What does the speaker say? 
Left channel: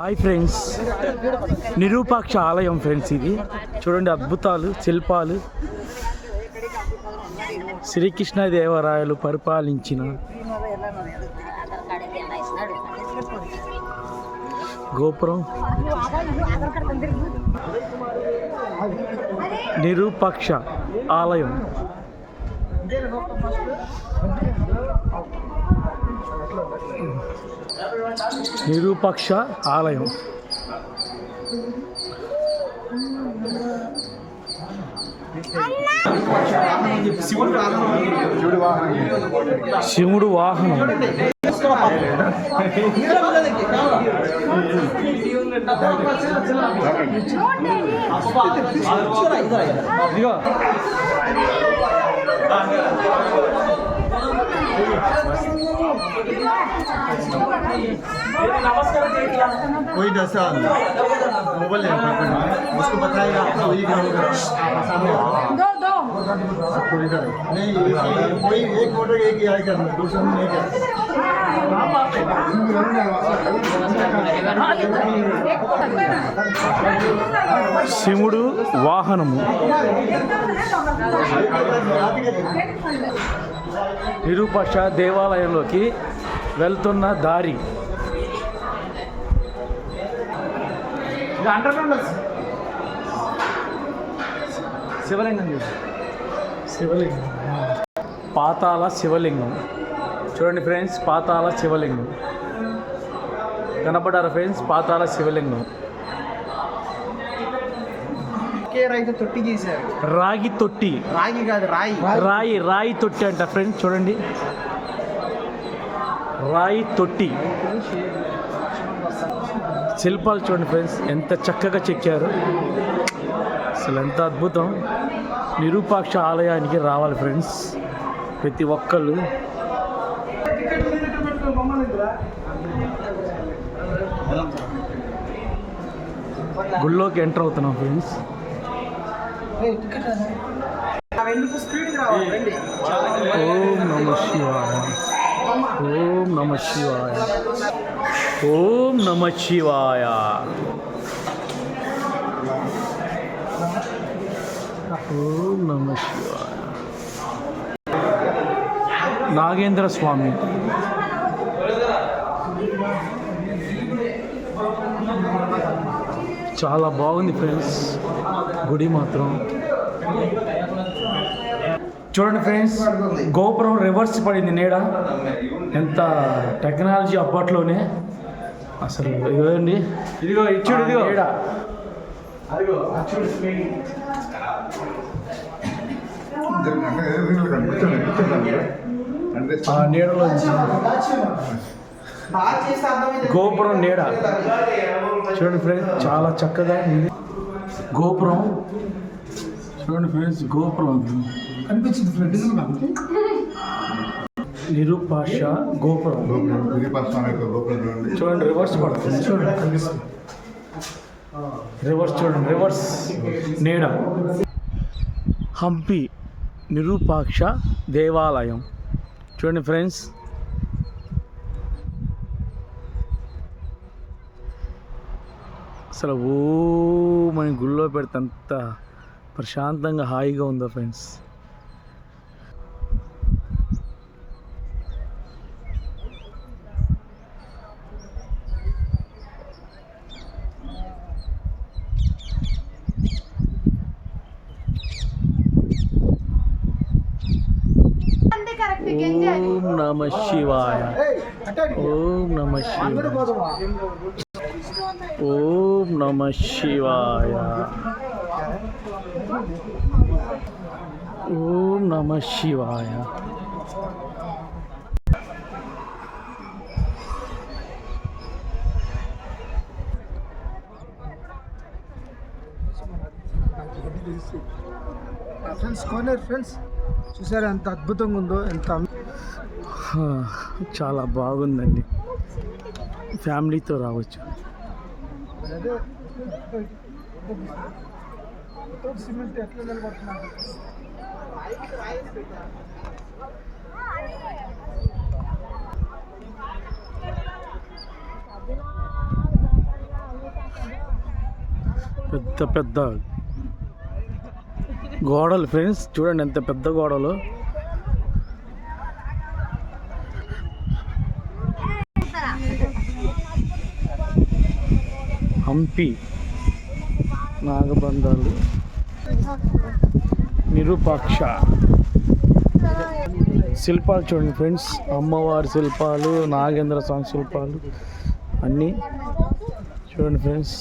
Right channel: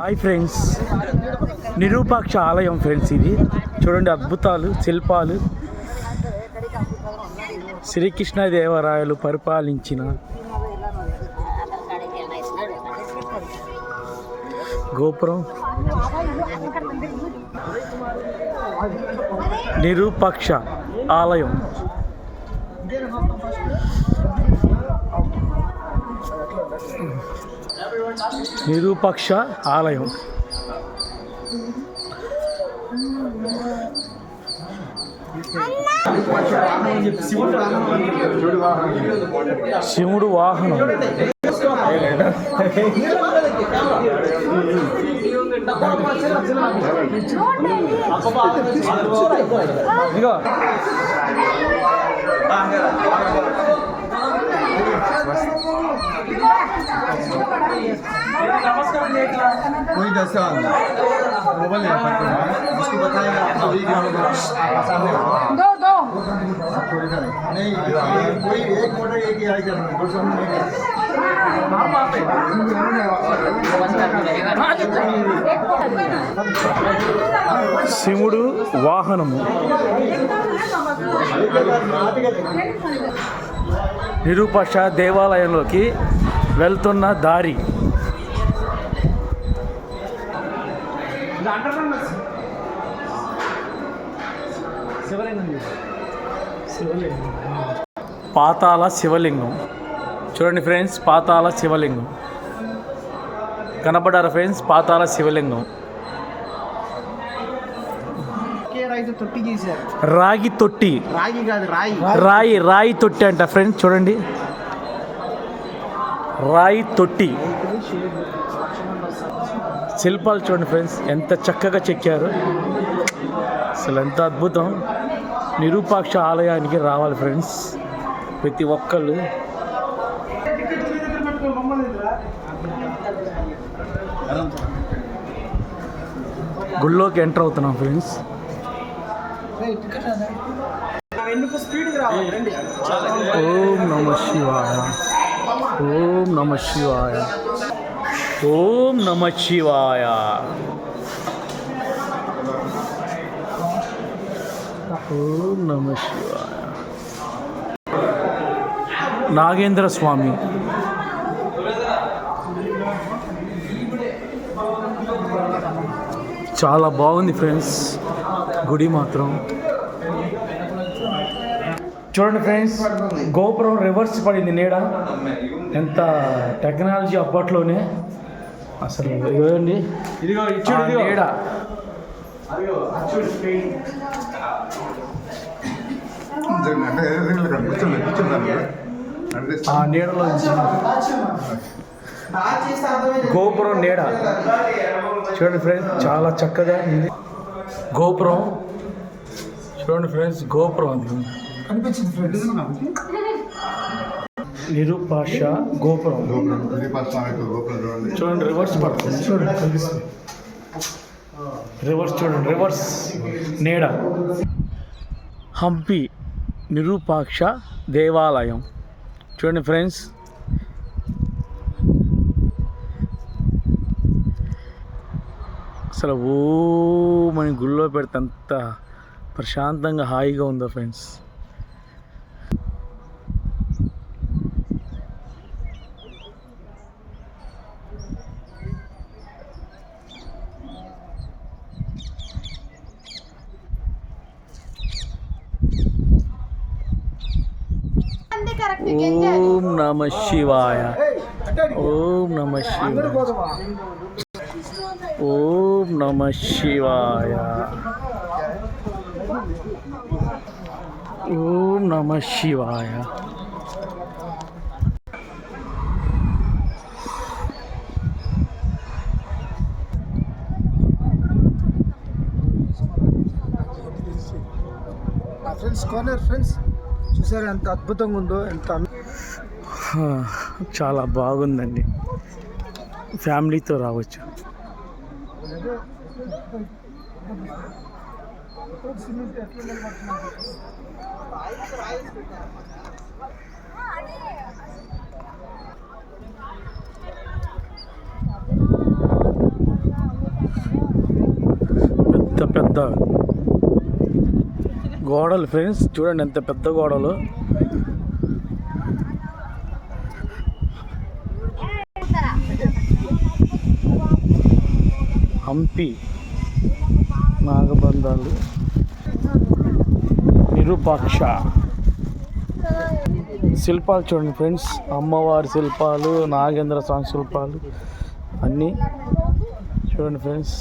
Hi friends, నిరూపాక్ష ఆలయం friends. ఇది చూడండి, అద్భుతాలు, శిల్పాలు. శ్రీకృష్ణదేవరాయలు పరిపాలించిన గోపురం. నిరూపాక్ష ఆలయం. నిరూపాక్ష ఆలయం. శివుడు వాహనం. ఇదిగో कोई जैसा मोबाइल उसको बताएगा दो दो नहीं कोई एक फोटो एक ही आएगा दूसरा नहीं శివుడు వాహనము. నిరూపాక్ష దేవాలయంలోకి వెళ్తున్న దారి. పాతాళ శివలింగం. చూడండి ఫ్రెండ్స్, పాతాళ శివలింగం కనపడారా ఫ్రెండ్స్? పాతాళ శివలింగం. రాయితో తొట్టి చేశారు. రాగి తొట్టి. రాగి కాదు, రాయి రాయి రాయి తొట్టి అంట ఫ్రెండ్స్. చూడండి, రాయి తొట్టి. శిల్పాలు చూడండి ఫ్రెండ్స్, ఎంత చక్కగా చెక్కారు. అసలు ఎంత అద్భుతం. నిరూపాక్ష ఆలయానికి రావాలి ఫ్రెండ్స్ ప్రతి ఒక్కళ్ళు. గుళ్ళోకి ఎంటర్ అవుతున్నాం ఫ్రెండ్స్. ఓం నమ శివాయ, ఓం నమ శివాయ, ఓం నమ శివాయ, ఓం నమ శివాయ. నాగేంద్ర స్వామి. చాలా బాగుంది ఫ్రెండ్స్ గుడి మాత్రం. చూడండి ఫ్రెండ్స్, గోపురం రివర్స్ పడింది నీడ. ఎంత టెక్నాలజీ అప్పట్లోనే. అసలు ఇవ్వండి నీడ. ఆ నీడలో గోపురం నీడ. చూడండి ఫ్రెండ్స్, చాలా చక్కగా ఉంది గోపురం. చూడండి ఫ్రెండ్స్, గోపురం అనిపించింది ఫ్రెండ్స్. నిరూపాక్ష గోపురం. చూడండి, రివర్స్ పడుతుంది. చూడండి, రివర్స్ చూడండి, రివర్స్ నీడ. హంపి నిరూపాక్ష దేవాలయం. చూడండి ఫ్రెండ్స్, అసలు ఓ మన గుళ్ళో పెడితే అంత ప్రశాంతంగా హాయిగా ఉందో ఫ్రెండ్స్. ఓం నమ శివాయ, ఓం నమ శివాయ, ఓం నమ శివాయ, ఓం నమ శివాయ. ఫ్రెండ్స్ కార్నర్ ఫ్రెండ్స్ చూసారా ఎంత అద్భుతంగా ఉందో. ఎంత చాలా బాగుందండి. ఫ్యామిలీతో రావచ్చు. సిమెంట్ ఎట్లా నిలబడుతున్నారు. పెద్ద గోడలు ఫ్రెండ్స్, చూడండి ఎంత పెద్ద గోడలు. హంపి నాగబంధాలు, విరూపాక్ష శిల్పాలు చూడండి ఫ్రెండ్స్, అమ్మవారి శిల్పాలు, నాగేంద్ర స్వామి శిల్పాలు అన్నీ చూడండి ఫ్రెండ్స్.